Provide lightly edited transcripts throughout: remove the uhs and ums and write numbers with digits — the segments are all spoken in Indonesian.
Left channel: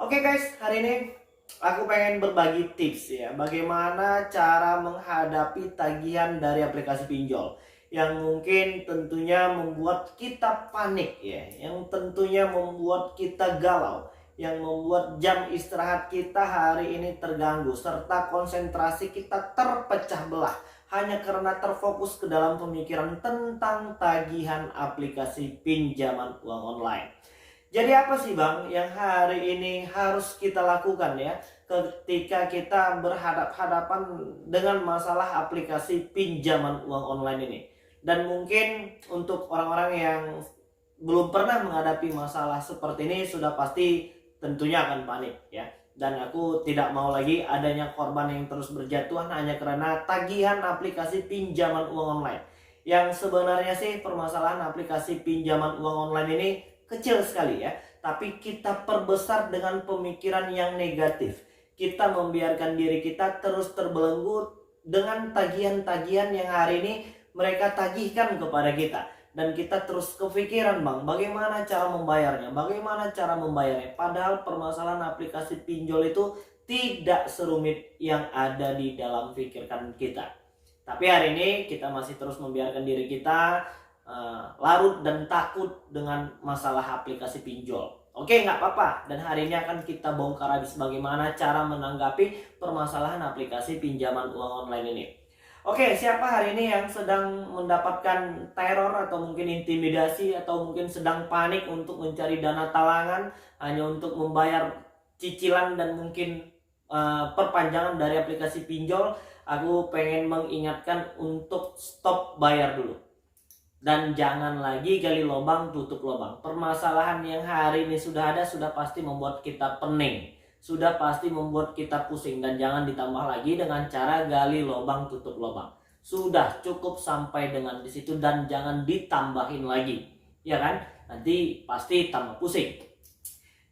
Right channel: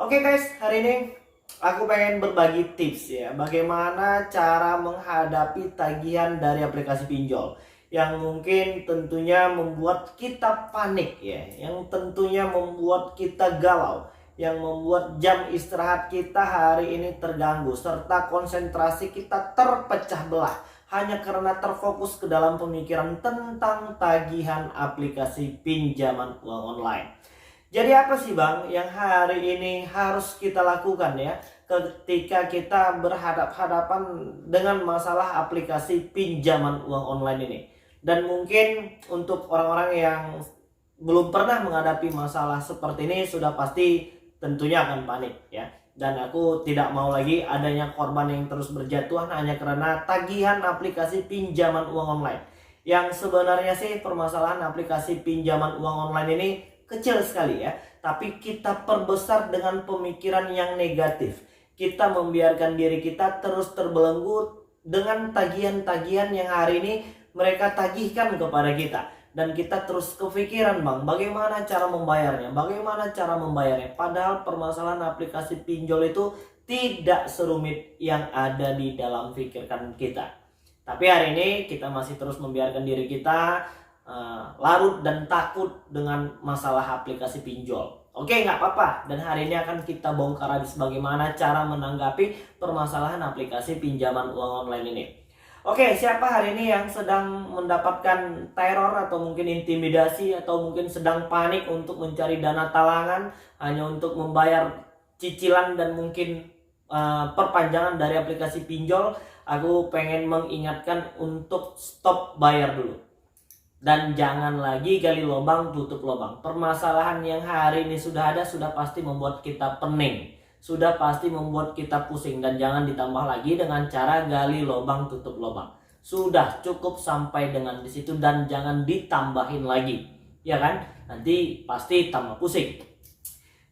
Oke guys, hari ini aku pengen berbagi tips ya, bagaimana cara menghadapi tagihan dari aplikasi pinjol yang mungkin tentunya membuat kita panik ya, yang tentunya membuat kita galau, yang membuat jam istirahat kita hari ini terganggu serta konsentrasi kita terpecah belah hanya karena terfokus ke dalam pemikiran tentang tagihan aplikasi pinjaman uang online. Jadi apa sih Bang yang hari ini harus kita lakukan ya ketika kita berhadapan dengan masalah aplikasi pinjaman uang online ini? Dan mungkin untuk orang-orang yang belum pernah menghadapi masalah seperti ini sudah pasti tentunya akan panik ya. Dan aku tidak mau lagi adanya korban yang terus berjatuhan hanya karena tagihan aplikasi pinjaman uang online. Yang sebenarnya sih permasalahan aplikasi pinjaman uang online ini kecil sekali ya, tapi kita perbesar dengan pemikiran yang negatif. Kita membiarkan diri kita terus terbelenggu dengan tagihan-tagihan yang hari ini mereka tagihkan kepada kita. Dan kita terus kepikiran bang, bagaimana cara membayarnya, bagaimana cara membayarnya. Padahal permasalahan aplikasi pinjol itu tidak serumit yang ada di dalam pikiran kita. Tapi hari ini kita masih terus membiarkan diri kita larut dan takut dengan masalah aplikasi pinjol. Oke, nggak apa-apa. Dan hari ini akan kita bongkar habis bagaimana cara menanggapi permasalahan aplikasi pinjaman uang online ini. Oke, siapa hari ini yang sedang mendapatkan teror atau mungkin intimidasi atau mungkin sedang panik untuk mencari dana talangan hanya untuk membayar cicilan dan mungkin perpanjangan dari aplikasi pinjol? Aku pengen mengingatkan untuk stop bayar dulu. Dan jangan lagi gali lubang tutup lubang. Permasalahan yang hari ini sudah ada sudah pasti membuat kita pening, sudah pasti membuat kita pusing. Dan jangan ditambah lagi dengan cara gali lubang tutup lubang. Sudah cukup sampai dengan di situ dan jangan ditambahin lagi, ya kan? Nanti pasti tambah pusing.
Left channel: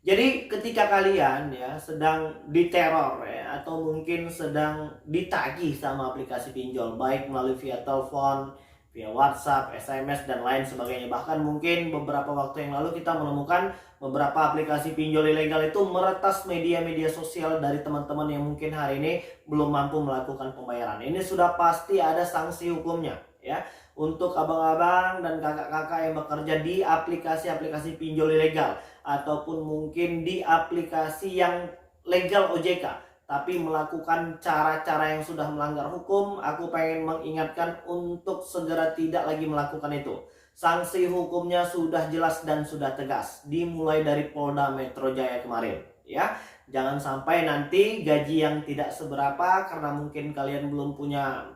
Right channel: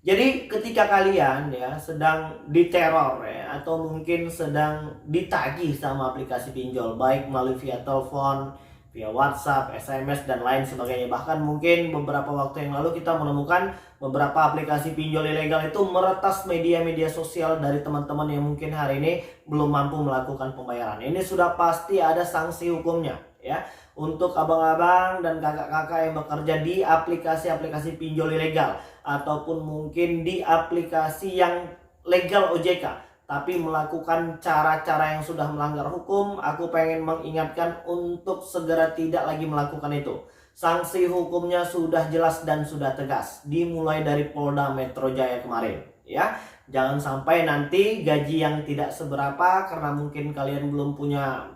Jadi ketika kalian ya sedang diteror ya, atau mungkin sedang ditagih sama aplikasi pinjol, baik melalui via telepon, via WhatsApp, SMS dan lain sebagainya. Bahkan mungkin beberapa waktu yang lalu kita menemukan beberapa aplikasi pinjol ilegal itu meretas media-media sosial dari teman-teman yang mungkin hari ini belum mampu melakukan pembayaran. Ini sudah pasti ada sanksi hukumnya ya. Untuk abang-abang dan kakak-kakak yang bekerja di aplikasi-aplikasi pinjol ilegal ataupun mungkin di aplikasi yang legal OJK tapi melakukan cara-cara yang sudah melanggar hukum, aku pengen mengingatkan untuk segera tidak lagi melakukan itu. Sanksi hukumnya sudah jelas dan sudah tegas, dimulai dari Polda Metro Jaya kemarin ya. Jangan sampai nanti gaji yang tidak seberapa karena mungkin kalian belum punya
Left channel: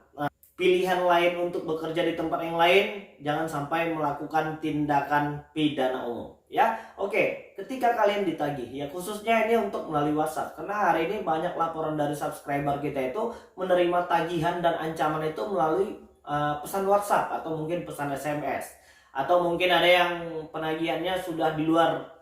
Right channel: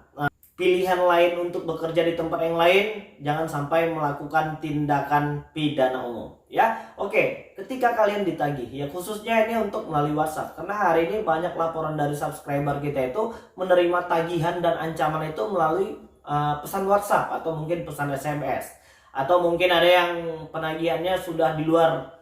pilihan lain untuk bekerja di tempat yang lain, jangan sampai melakukan tindakan pidana umum ya. Oke, ketika kalian ditagih ya, khususnya ini untuk melalui WhatsApp, karena hari ini banyak laporan dari subscriber kita itu menerima tagihan dan ancaman itu melalui pesan WhatsApp atau mungkin pesan SMS, atau mungkin ada yang penagihannya sudah di luar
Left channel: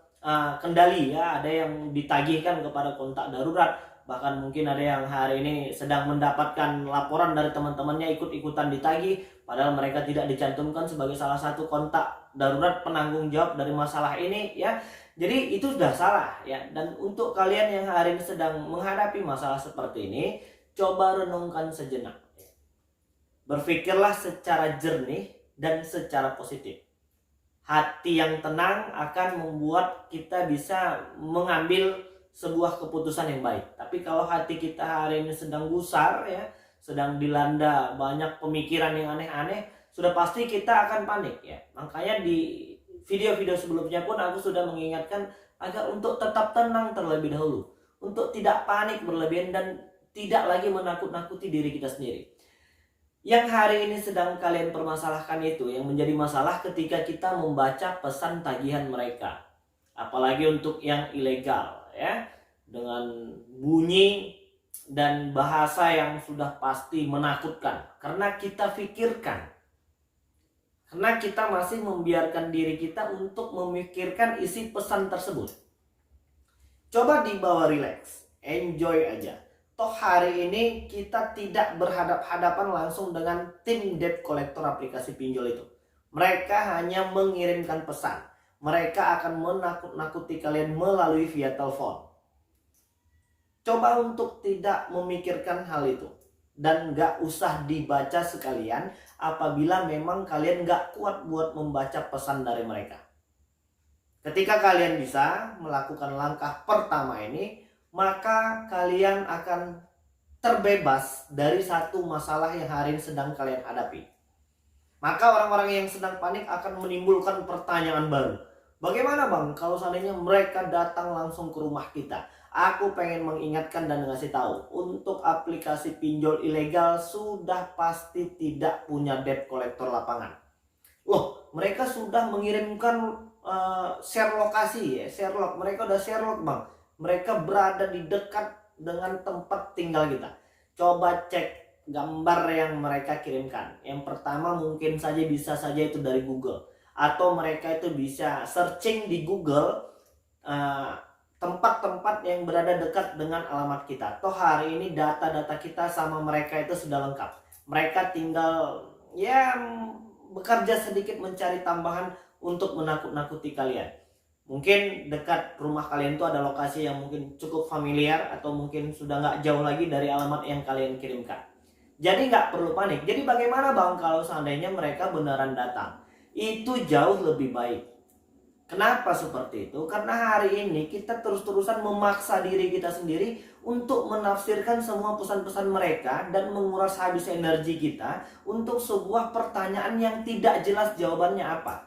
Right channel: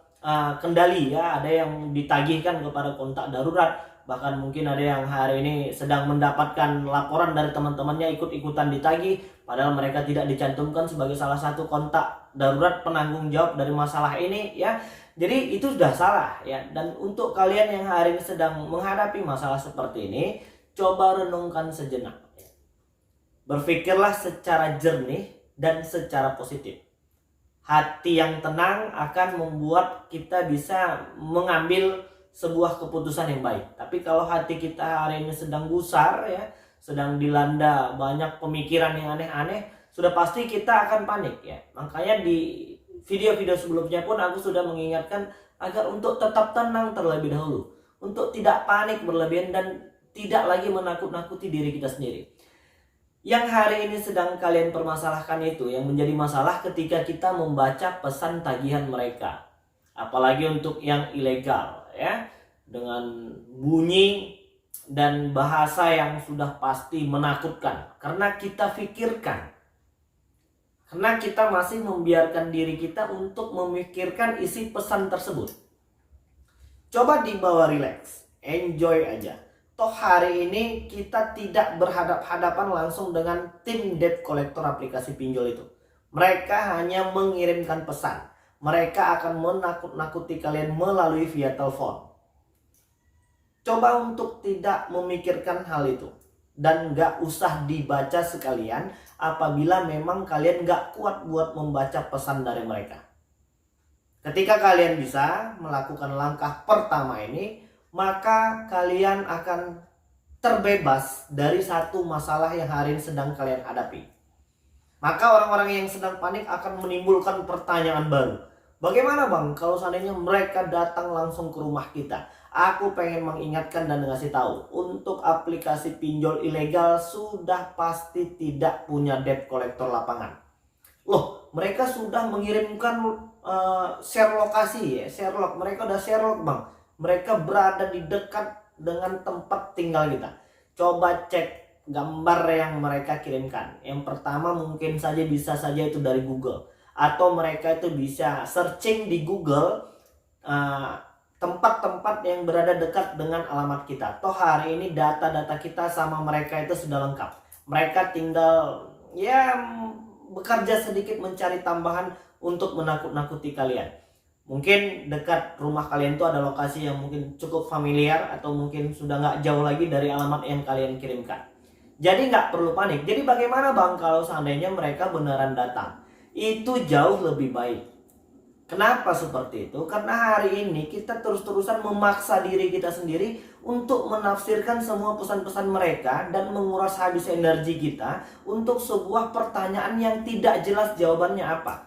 kendali ya, ada yang ditagihkan kepada kontak darurat. Bahkan mungkin ada yang hari ini sedang mendapatkan laporan dari teman-temannya ikut-ikutan ditagih, padahal mereka tidak dicantumkan sebagai salah satu kontak darurat penanggung jawab dari masalah ini ya. Jadi itu sudah salah ya. Dan untuk kalian yang hari ini sedang menghadapi masalah seperti ini, coba renungkan sejenak. Berpikirlah secara jernih dan secara positif. Hati yang tenang akan membuat kita bisa mengambil sebuah keputusan yang baik. Tapi kalau hati kita hari ini sedang gusar ya, sedang dilanda banyak pemikiran yang aneh-aneh, sudah pasti kita akan panik ya. Makanya di video-video sebelumnya pun aku sudah mengingatkan agar untuk tetap tenang terlebih dahulu, untuk tidak panik berlebihan dan tidak lagi menakut-nakuti diri kita sendiri. Yang hari ini sedang kalian permasalahkan itu yang menjadi masalah ketika kita membaca pesan tagihan mereka, apalagi untuk yang ilegal ya, dengan bunyi dan bahasa yang sudah pasti menakutkan. Karena kita pikirkan, karena kita masih membiarkan diri kita untuk memikirkan isi pesan tersebut. Coba dibawa relax, enjoy aja. Toh hari ini kita tidak berhadap-hadapan langsung dengan tim debt collector aplikasi pinjol itu. Mereka hanya mengirimkan pesan. Mereka akan menakut-nakuti kalian melalui via telepon. Coba untuk tidak memikirkan hal itu. Dan gak usah dibaca sekalian apabila memang kalian gak kuat buat membaca pesan dari mereka. Ketika kalian bisa melakukan langkah pertama ini, maka kalian akan terbebas dari satu masalah yang hari ini sedang kalian hadapi. Maka orang-orang yang sedang panik akan menimbulkan pertanyaan baru. Bagaimana bang kalau seandainya mereka datang langsung ke rumah kita? Aku pengen mengingatkan dan ngasih tahu, untuk aplikasi pinjol ilegal sudah pasti tidak punya debt collector lapangan. Loh, mereka sudah mengirimkan share lokasi ya, share log. Mereka udah share log bang. Mereka berada di dekat dengan tempat tinggal kita. Coba cek gambar yang mereka kirimkan. Yang pertama mungkin saja bisa saja itu dari Google, atau mereka itu bisa searching di Google tempat-tempat yang berada dekat dengan alamat kita. Toh hari ini data-data kita sama mereka itu sudah lengkap. Mereka tinggal ya bekerja sedikit mencari tambahan untuk menakut-nakuti kalian. Mungkin dekat rumah kalian itu ada lokasi yang mungkin cukup familiar, atau mungkin sudah nggak jauh lagi dari alamat yang kalian kirimkan. Jadi nggak perlu panik. Jadi bagaimana bang kalau seandainya mereka beneran datang? Itu jauh lebih baik. Kenapa seperti itu? Karena hari ini kita terus-terusan memaksa diri kita sendiri untuk menafsirkan semua pesan-pesan mereka dan menguras habis energi kita untuk sebuah pertanyaan yang tidak jelas jawabannya apa.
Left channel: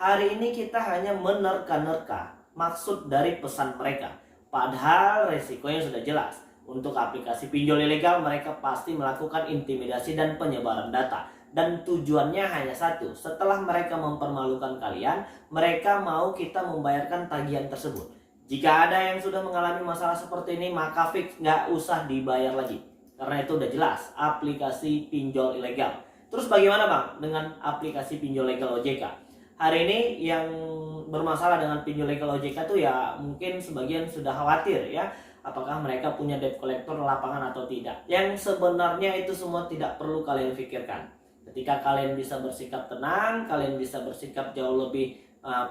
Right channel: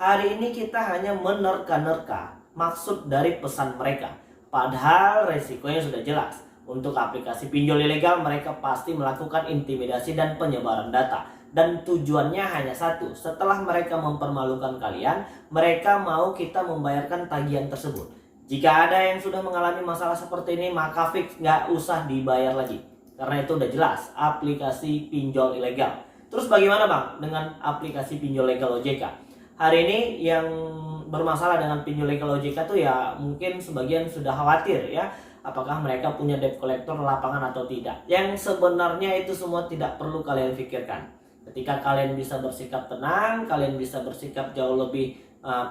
Hari ini kita hanya menerka-nerka maksud dari pesan mereka. Padahal resikonya sudah jelas. Untuk aplikasi pinjol ilegal, mereka pasti melakukan intimidasi dan penyebaran data. Dan tujuannya hanya satu, setelah mereka mempermalukan kalian, mereka mau kita membayarkan tagihan tersebut. Jika ada yang sudah mengalami masalah seperti ini, maka fix nggak usah dibayar lagi. Karena itu udah jelas, aplikasi pinjol ilegal. Terus bagaimana bang dengan aplikasi pinjol legal OJK? Hari ini yang bermasalah dengan pinjol legal OJK tuh ya mungkin sebagian sudah khawatir ya, apakah mereka punya debt collector lapangan atau tidak. Yang sebenarnya itu semua tidak perlu kalian pikirkan. Ketika kalian bisa bersikap tenang, kalian bisa bersikap jauh lebih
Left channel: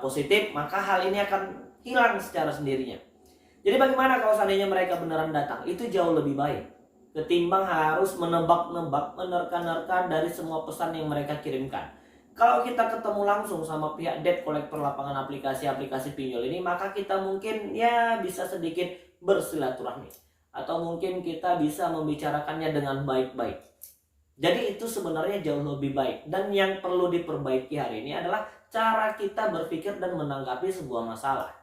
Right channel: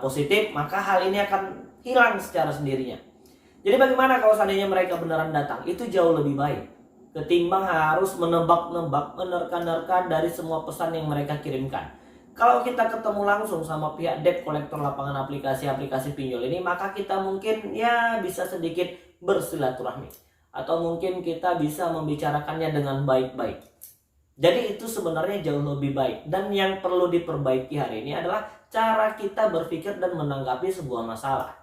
positif, maka hal ini akan hilang secara sendirinya. Jadi bagaimana kalau seandainya mereka beneran datang? Itu jauh lebih baik ketimbang harus menebak-nebak, menerka-nerka dari semua pesan yang mereka kirimkan. Kalau kita ketemu langsung sama pihak debt collector lapangan aplikasi-aplikasi pinjol ini, maka kita mungkin ya bisa sedikit bersilaturahmi, atau mungkin kita bisa membicarakannya dengan baik-baik. Jadi itu sebenarnya jauh lebih baik. Dan yang perlu diperbaiki hari ini adalah cara kita berpikir dan menanggapi sebuah masalah.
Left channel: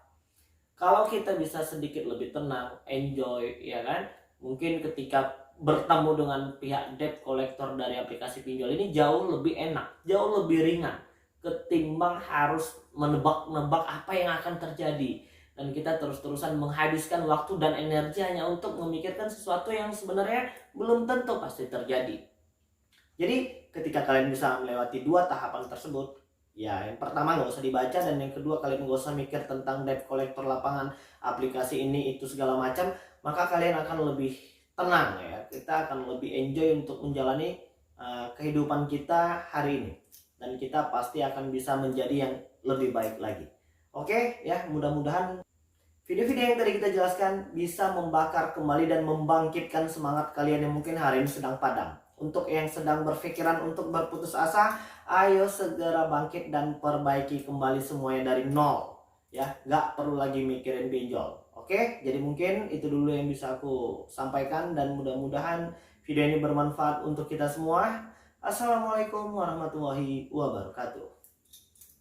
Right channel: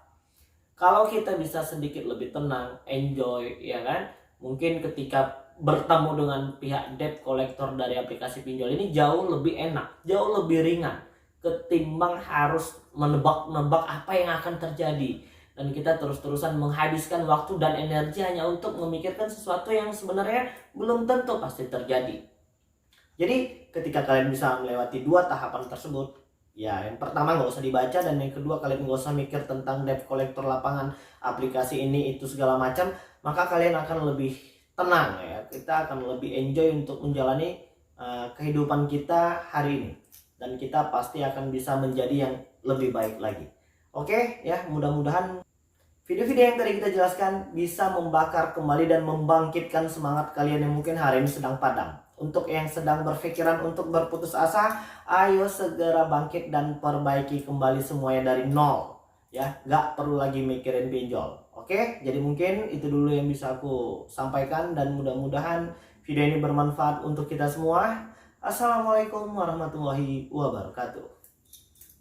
Kalau kita bisa sedikit lebih tenang, enjoy, ya kan? Mungkin ketika bertemu dengan pihak debt collector dari aplikasi pinjol ini jauh lebih enak, jauh lebih ringan ketimbang harus menebak-nebak apa yang akan terjadi. Dan kita terus-terusan menghabiskan waktu dan energi hanya untuk memikirkan sesuatu yang sebenarnya belum tentu pasti terjadi. Jadi ketika kalian bisa melewati dua tahapan tersebut, ya yang pertama nggak usah dibaca, dan yang kedua kalian nggak usah mikir tentang debt collector lapangan aplikasi ini itu segala macam, maka kalian akan lebih tenang ya. Kita akan lebih enjoy untuk menjalani kehidupan kita hari ini, dan kita pasti akan bisa menjadi yang lebih baik lagi. Oke ya, mudah-mudahan video-video yang tadi kita jelaskan bisa membakar kembali dan membangkitkan semangat kalian yang mungkin hari ini sedang padam. Untuk yang sedang berpikiran untuk berputus asa, ayo segera bangkit dan perbaiki kembali semuanya dari nol. Ya, nggak perlu lagi mikirin pinjol. Oke, jadi mungkin itu dulu yang bisa aku sampaikan, dan mudah-mudahan video ini bermanfaat untuk kita semua. Assalamualaikum warahmatullahi wabarakatuh.